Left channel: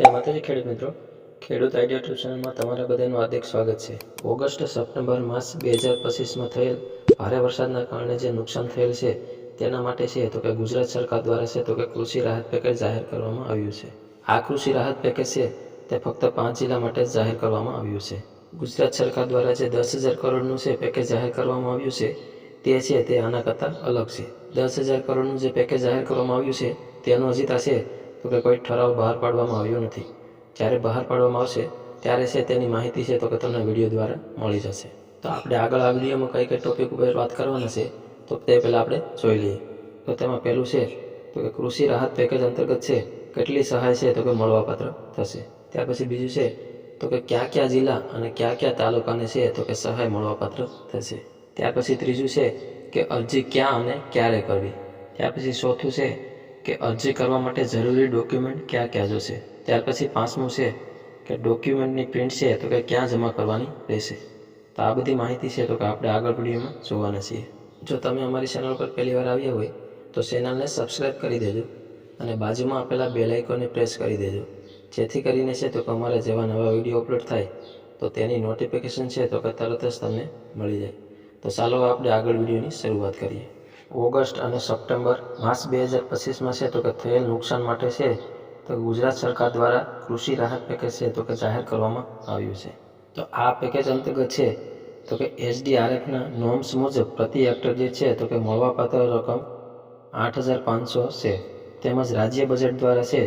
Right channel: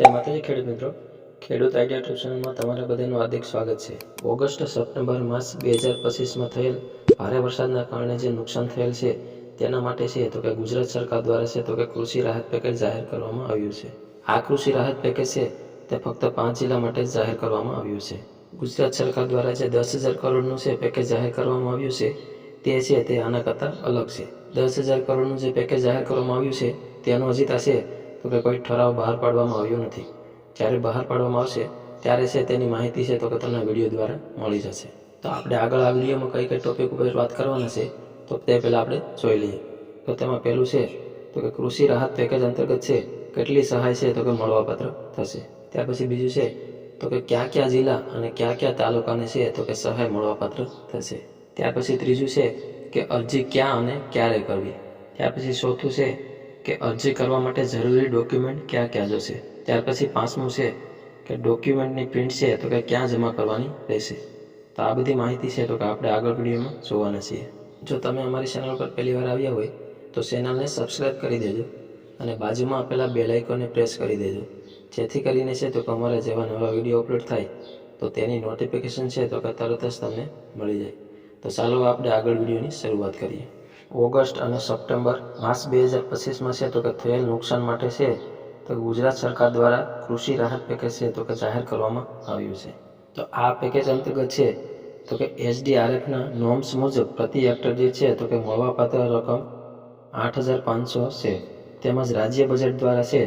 જય માતાજી ખેડૂત મિત્રો, ખેડૂત આઈડિયા ટ્યુબ ચેનલમાં તમારા બધાનું હાર્દિક સ્વાગત છે। ઓગસ્ટ સપ્ટેમ્બર માસ 2025માં થયેલ ભારે વરસાદના કારણે જે નુકસાન થયેલ છે તેના માટે છે તો કે ગુજરાત સરકાર દ્વારા છે તો કે કૃષિ રાહત પેકેજ જાહેર કરવામાં આવ્યું છે। આ કૃષિ રાહત પેકેજ છે તે ફક્ત 5 જિલ્લા માટે જ જાહેર કરવામાં આવ્યું છે। ગુજરાત સરકાર દ્વારા જે 10,000 કરોડનું છે પેકેજ જાહેર કરવામાં આવ્યું છે તે આના કરતાં અલગ છે। 10,000 કરોડનું જે પેકેજ જાહેર કરવામાં આવ્યું છે તેનું હજી છે તો કે કોઈ ઠરાવ બહાર પાડવામાં આવ્યો નથી। જ્યારે બહાર પાડવામાં આવશે ત્યારે છે તેની માહિતી છે તો કે તમને વિડીયો દ્વારા મળી જશે। તો આપણે આગળ આ વિડીયોમાં કઈ ટોપિક ઉપર વાત કરવાના છે તો તે પહેલાં આપણે જોઈ લઈએ। તો તેમાં પહેલું છે તો કે કૃષિ રાહત પેકેજ અંતર્ગત છે કેટલી સહાય છે તો કે મળવાપાત્ર થશે। ત્યાર પછી બીજું છે તો કે કયા જિલ્લા અને કયા તાલુકાને છે તો કે સહાય મળવાપાત્ર થશે। ત્યાર પછી ત્રીજું છે કે અરજી ક્યાં અને ક્યારે કરવી। ત્યાર પછી ચોથું છે કે અરજી કરવા માટે જરૂરી ડોક્યુમેન્ટ ક્યાં જોશે। ત્યાર પછી પાંચમું છે કે ડોક્યુમેન્ટની પ્રિન્ટ છે તો કે ક્યાં જમા કરવાની રહેશે। તો આ બધી માહિતી છે તો કે આપણે આગળ વિડીયોમાં જોવાના છીએ। જો તમે અમારી ચેનલ પર પહેલી વાર આવ્યા હોય તો ચેનલને સબસ્ક્રાઈબ કરી દેજો અને બાજુમાં આપેલા બેલ આઇકોનને પ્રેસ કરી દેજો, જેથી કરીને છે તો કે અમારા જેવા નવા વિડીયો અપલોડ થાય તો તેની નોટિફિકેશન છે તો કે તરત જ તમને મળી જાય। તો ચાલો આપણે આગળ વિડીયોની શરૂઆત કરીએ। ઓગસ્ટ અને સપ્ટેમ્બર માસ 2025માં છે તો કે થયેલ નુકસાન માટે છે તો ગુજરાત સરકાર દ્વારા કૃષિ રાહત પેકેજ છે તો કે જાહેર કરવામાં આવ્યું છે। તો આ પેકેજ અંતર્ગત છે તો કે SDRFના નોર્મ્સ મુજબ પ્રતિ હેક્ટર દીઠ છે તો કે મળવાપાત્ર રકમ 8,500 છે, તેમજ રાજ્ય બજેટ દ્વારા છે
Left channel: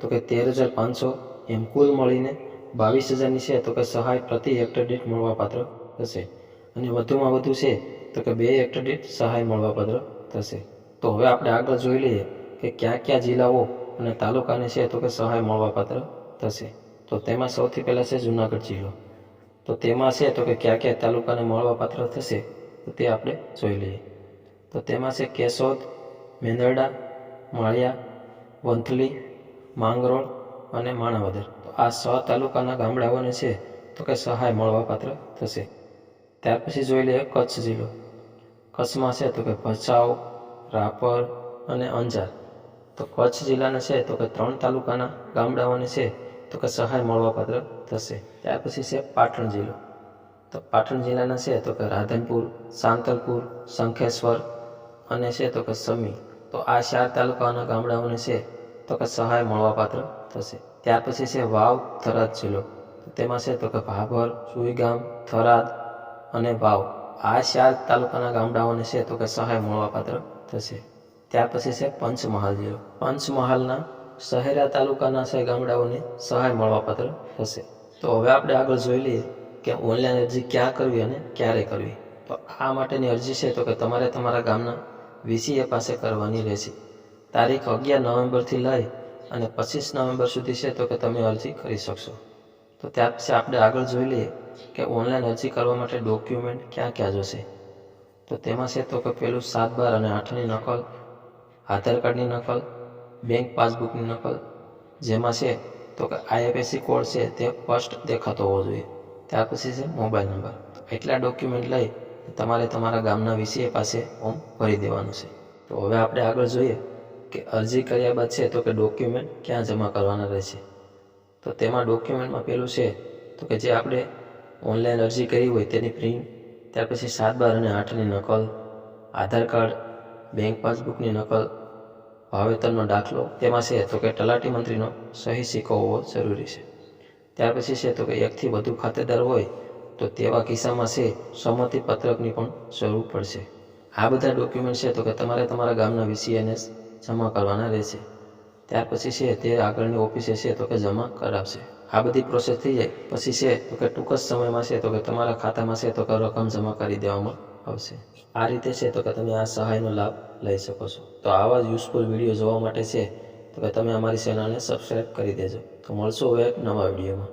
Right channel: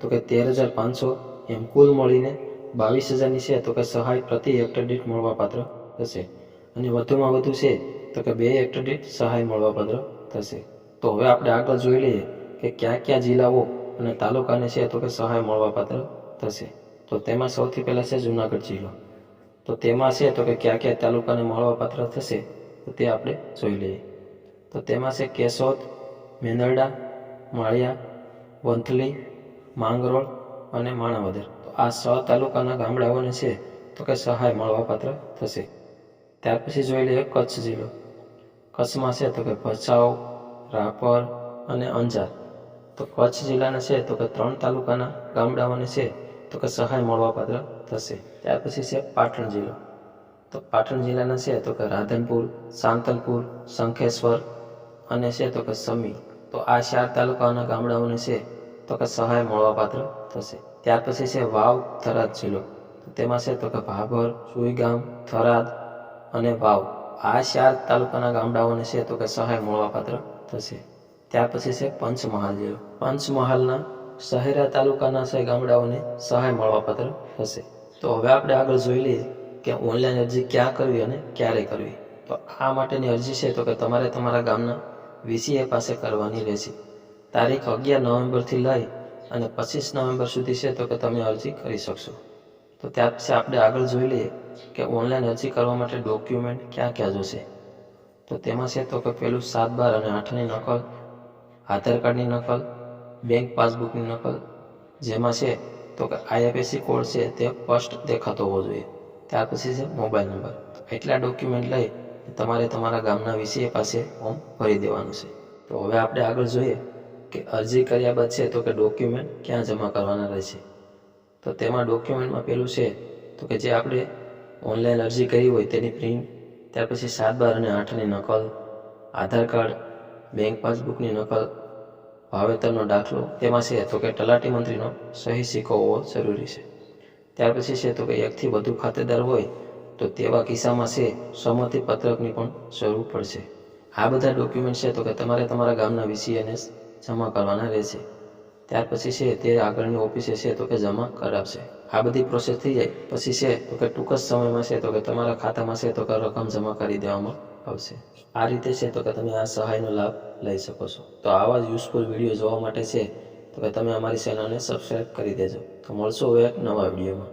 તો કે 13,500, એમ કુલ મળીને 22,000ની છે તો કે સહાય પ્રતિ હેક્ટર દીઠ મળવાપાત્ર થશે અને વધુમાં વધુ છે તો કે 2 હેક્ટર દીઠ સહાય મળવાપાત્ર થશે। તો હવે આપણે આગળ જોઈ લઈએ કે કયા જિલ્લાઓ અને તાલુકાને છે તો કે સહાય મળવાપાત્ર થશે। તો તેમાં સૌથી પહેલાં છે જૂનાગઢ જિલ્લો। તો તેમાં છે તો કે કયા તાલુકાને મળવાપાત્ર થશે તો તે આપણે જોઈ લઈએ। તો તેમાં છે કેશોદ, મેંદરડા, માળિયા, વંથલી, માંગરોળ અને માણાવદર। તો આ 6 તાલુકાના ગામડાઓને છે તો કે સહાય મળવાપાત્ર થશે। ત્યાર પછી જોઈ લઈએ કચ્છ જિલ્લો। કચ્છમાં છે તો કે ભચાઉ, રાપર અને અંજાર। તો કચ્છ જિલ્લાના છે તો કે 3 તાલુકાના ગામડાઓને છે તો કે સહાય મળવાપાત્ર થશે। ત્યાર પછી છે પાટણ જિલ્લો। તો પાટણ જિલ્લાના છે તો કે રાધનપુર, સાંતલપુર, શંખેશ્વર અને છે તો કે સમી। તો આ 4 તાલુકાના ગામડાઓને છે તો કે સહાય મળવાપાત્ર થશે। ત્યાર પછી છે વાવ થરાદ જિલ્લો। તો તેમાં છે તો કે ભાભર, સુઈગામ, થરાદ અને વાવ, આ 4 તાલુકાના ગામડાઓને છે તો કે સહાય મળવાપાત્ર થશે। ત્યાર પછી છે પંચમહાલ જિલ્લો। પંચમહાલના શહેરા તાલુકાના છે ગામડાઓને સહાય મળવાપાત્ર થશે। તો હવે આપણે આગળ જોઈ લઈએ કે ઓનલાઈન અરજી ક્યાં કરવી અને ક્યારે કરવી। તો આ માટેની અરજી છે તો કે તમારે તમારા ગામના VCA પાસે કરવાની રહેશે। તારીખ 11 નવેમ્બરથી લઈ અને 25 નવેમ્બર સુધી છે તો કે તમે અરજી કરી શકશો। તો ત્યાર પછી આપણે આગળ જોઈ લઈએ કે ઓનલાઈન અરજી કરવા માટે ડોક્યુમેન્ટ ક્યાં જોશે। તો તેમાં છે તો કે પહેલું 7, 12 અને 8ની નકલ, આધાર કાર્ડની નકલ, બેંક પાસબુકની નકલ, જેમાં છે તો કે IFSC કોડ છે તે સ્પષ્ટ દેખાતો હોવો જોઈએ। ત્યાર પછી છે મોબાઈલ નંબર। તો એટલા ડોક્યુમેન્ટ લઈ તમારે તમારા ગામના VCA પાસે ફોર્મ ભરી દેવાનું છે। તો હવે આપણે આગળ જોઈએ કે અરજી કર્યા બાદ છે તો કે ડોક્યુમેન્ટ ક્યાં જમા કરવાના રહેશે। તો તેમાં ડોક્યુમેન્ટમાં પહેલું છે તો કે જે આપણે ઓનલાઈન અરજી કરી હોય તેની પ્રિન્ટ, ત્યાર પછી 7, 12 અને 8ની નકલ, આધાર કાર્ડ, બેંક પાસબુકની નકલ, વાવેતરનો દાખલો, તેમાં છે તો કે તલાટી મંત્રીનો સહી સિક્કો હોવો જરૂરી છે। ત્યાર પછી છે તો કે 1થી વધુ ખાતેદાર હોય તો તેવા કિસ્સામાં છે સંમતિ પત્રકની પણ જરૂર પડશે। આ બધા ડોક્યુમેન્ટ છે તો કે તમારે તમારા ગામના VCAને જમા કરવાના રહેશે। ત્યાર પછી છે તે આગળની ઓફિસે છે તો કે જમા કરાવશે। આ બધી પ્રોસેસ થઈ જાય પછી છે તો કે ટૂંક જ સમયમાં છે તો કે તમારા ખાતામાં છે તો કે રકમ જમા કરી દેવામાં આવશે। આ રીતે છે તો કે તમે આ સહાયનો લાભ લઈ શકો છો। તો આવા જ યુઝફુલ વિડીયો જોવા માટે છે તો કે તમે અમારી ચેનલને સબસ્ક્રાઈબ કરી દેજો। તો મળશું હવે એક નવા વિડીયોમાં।